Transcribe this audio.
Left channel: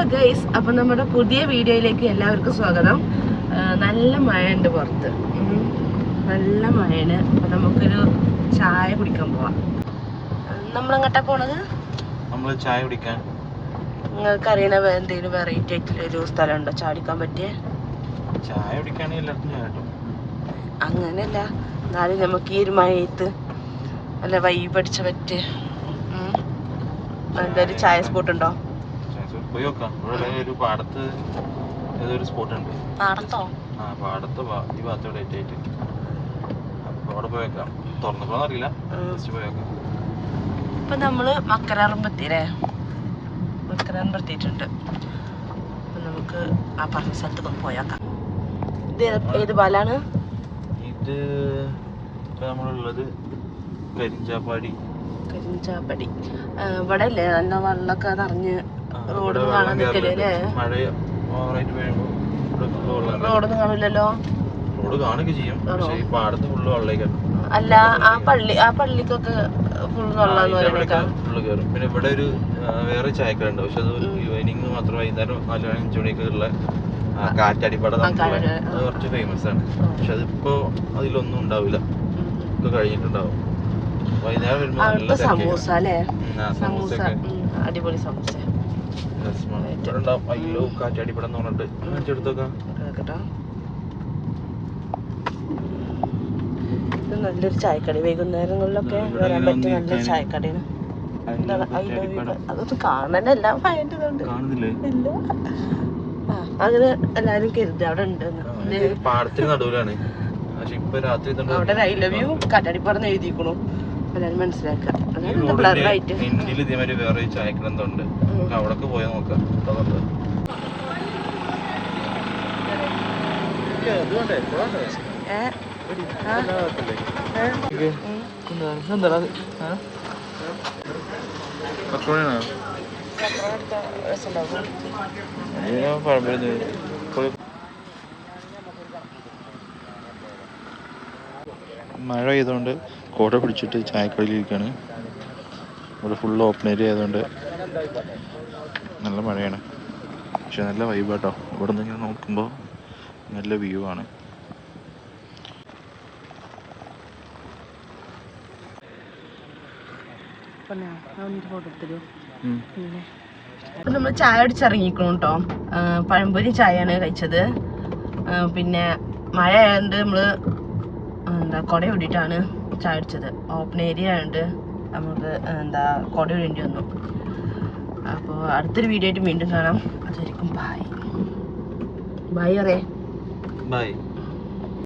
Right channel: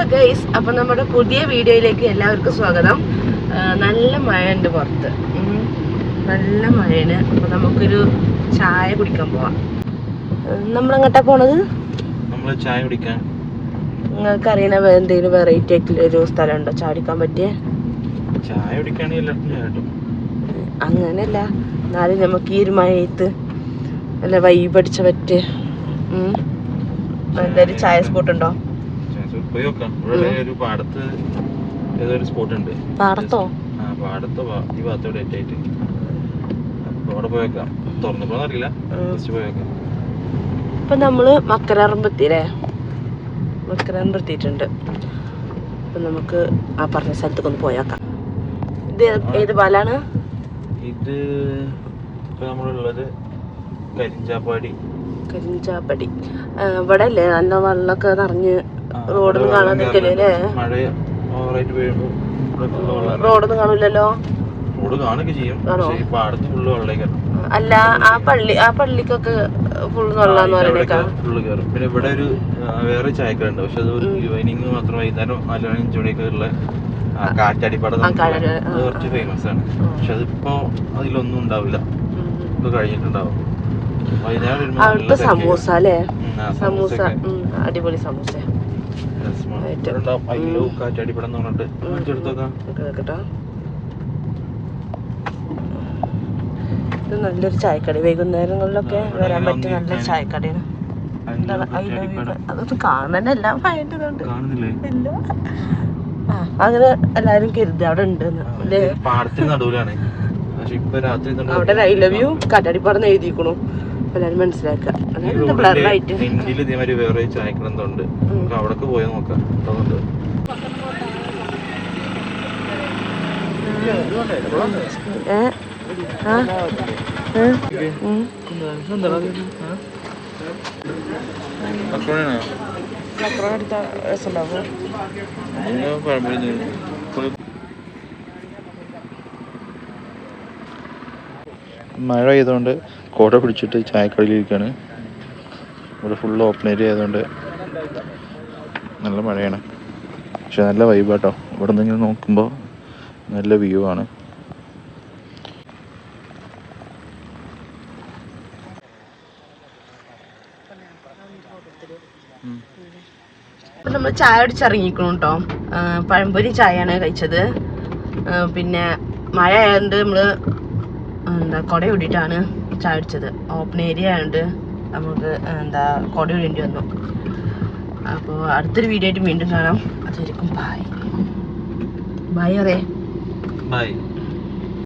Hello guys, അപ്പം നമ്മുടെ പുതിയ വീഡിയോയിലേക്ക് എല്ലാവർക്കും സ്വാഗതം. നല്ല മഴയുണ്ട് പുറത്ത്, നല്ല മഴയാണ്. അപ്പം നമുക്കൊരു ചായ കുടിക്കാൻ പോവാം. നമ്മളെങ്ങോട്ടാ പോണത്? നമ്മൾ ചായ കുടിക്കാൻ. നിങ്ങൾക്ക് അറിയണ എന്തെങ്കിലും വെറൈറ്റി ആയിട്ടുള്ള ഒരു സ്ഥലം ഉണ്ടോ ചായ കുടിക്കാൻ പറ്റിയ? ചായ കുടിക്കുകയാണെങ്കിൽ എല്ലാവർക്കും ചായ കിട്ടും. അങ്ങനെയല്ല, എന്നാലും നമുക്ക് ഈ ഒരു മഴയത്ത് നല്ല വൈബ് അടിച്ച പറ്റിയ നല്ലൊരു ചായ സ്പോട്ട് ഉണ്ടോ? പോയി നോക്കാം. ഇവിടെ ഒരു പാടത്ത് ഏതൊരു സ്പോട്ട് ഉണ്ട്. പാടത്തോ? ആ പാടത്ത് ഈ ഭാഗത്തോടെ ആയിട്ട്. അപ്പൊ അവിടെ പോയി വെക്കാം. തുറന്നപ്പോഴൊന്നും അറിയില്ല, ജസ്റ്റ് പോയി വെക്കാം. ഇപ്പൊ നമ്മള് മക്കരമ്പത്തിയില്ലേ, മക്കരമ്പത്തിയിട്ടുണ്ട്. അപ്പൊ നമുക്ക് ആ പറഞ്ഞ സ്ഥലത്തേക്ക് ഒന്ന് പോയേക്കാം. ഇത് ഏത് പാലാണ്? ഇത് ഇപ്പൊ നമ്മളുള്ളത് കരിഞ്ചാപ്പാടി. ഇവിടെ അല്ലേ നല്ല വെള്ളമൊക്കെ നിറഞ്ഞ് റോഡൊന്നും കാണാതിരിക്കല്ലേ അല്ലേ? മഴ ഓവറായിട്ട് വീഴുമ്പോ റോഡൊന്നും കാണില്ലല്ലോ. റോഡ് കാണുകയൊക്കെ ചെയ്യും, പക്ഷേ പാടത്ത് ഫുള്ള് വെള്ളമൊക്കെയാണ്. അല്ല, ആ പള്ളിക്കൊക്കെ ഫുൾ വെള്ളാന്ന് പറയണേക്കാം. ഫുള്ള് കയറും. പിന്നെ ഇവിടെ ഒരു വേറെ ചായക്കടയുണ്ട്, പക്ഷെ അത് ഈവനിങ് മാത്രം, വൈകുന്നേരം 4-5 മണിയൊക്കെയുള്ള കാറ്റാടിപ്പാട കുറച്ച് ഫേമസ് ആണ്. പക്ഷെ അതിപ്പോ അതിലൊന്നും ഉണ്ടാവില്ല, ഇത് കഴിഞ്ഞിട്ടുണ്ടാവും. അവിടുത്തെ സമൂസ അല്ലേ? സമൂസ അടിപൊളി സമൂസ. ഇത് നല്ലൊരു ചായക്കട, വൈകുന്നേരങ്ങളിലൊക്കെ വരാൻ പറ്റിയ നല്ല ചായക്കടയാണ്. അതൊന്നും കാണാനല്ല, ഇല്ല. അങ്ങനെ എല്ലാരും കരുതി അവിടെ ഉണ്ട്. അവിടെ ഐ ലവ് യു കാറ്റാടിപ്പാടന്ന് എഴുതിക്കണു, എല്ലാരും മനസ്സിലാക്കുക. അതായത് ബ്ലറായിട്ട് വേറെ ചായക്കടന്നുണ്ട്, അവിടെ പോയി നോക്കാം. മഴ പെയ്തുകൊണ്ട് കോട പിടിച്ചിട്ട് ചായക്കടയിലിരിക്കുകയാണ്. ഇവിടെ ഫുള്ള് ഓപ്പൺ ഏരിയ ആയതുകൊണ്ട് നല്ല മഴയാണ്, പക്ഷെ നല്ല വൈബാട്ടോ. ഇവിടെ നിന്ന് ഇങ്ങനെ നോക്കുമ്പോൾ നല്ല വ്യൂ ആണ്. ഇപ്പം നമ്മൾ ചായ അടിച്ചിറങ്ങിക്കണം കേട്ടോ. പഴംപൊരി ചായയാണ് കഴിച്ചത്. പിന്നെ മഴ ആയതുകൊണ്ട് നമ്മള് കുട ഓടിയിട്ടാണ് ചായ അടിച്ചത്. ഓപ്പൺ ഏരിയ ആയതുകൊണ്ട് നമുക്ക് കുട ഓടേണ്ടി വന്നു. അപ്പോൾ അടുത്തൊരു വീഡിയോ ആയിട്ട് വീണ്ടും കാണാം. അതുവരെക്കും ബൈ. ബൈ.